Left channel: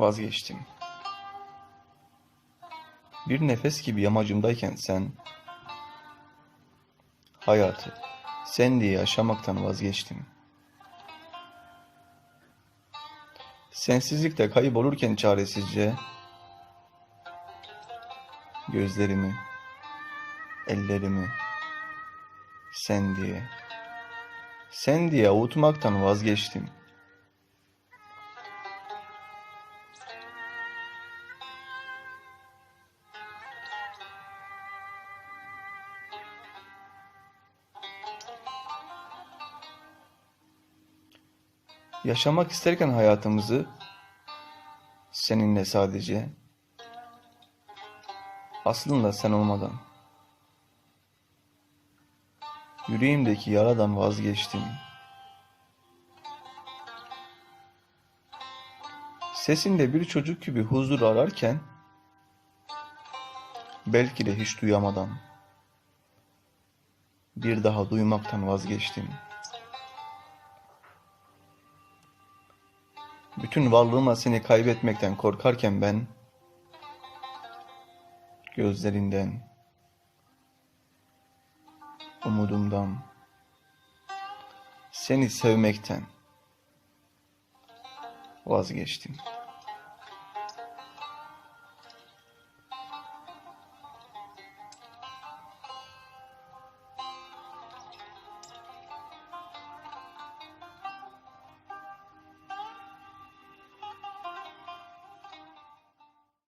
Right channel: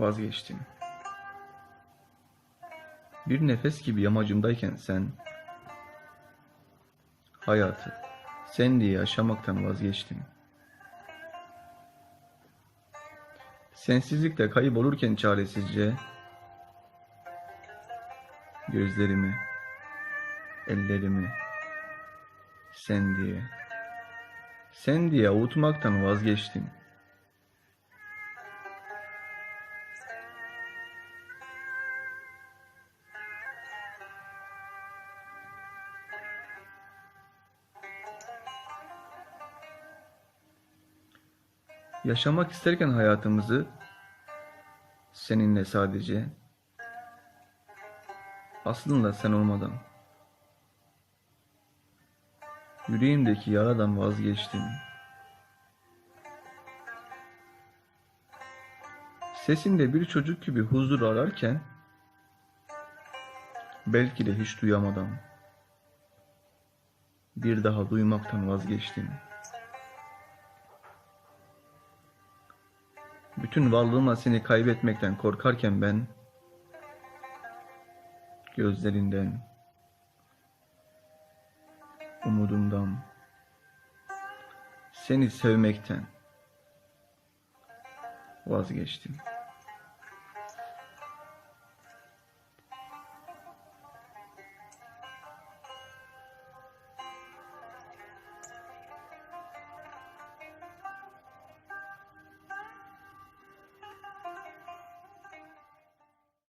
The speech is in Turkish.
Vazgeçtim. Bir nefes gibi yamacımdayken sen, hayatı sen diye yaşamaktan vazgeçtim. Sensizlikte kaybolurken çaresizce, gözlerimi, ellerimi, sen diye, sen diye avutmaktan vazgeçtim. Yaşamak isterken hayatımızı seninle sadece aslında sen olmadan yüreğimdeki yaradan vazgeçtim. Sesinde bir çocuk gibi huzur ararken belki de hiç duyamadan bir daha duymaktan vazgeçtim. Bütün varlığıma seni kaybetmekten korkarken ben gözlerinden, umudumdan, seni sevmekten vazgeçtim.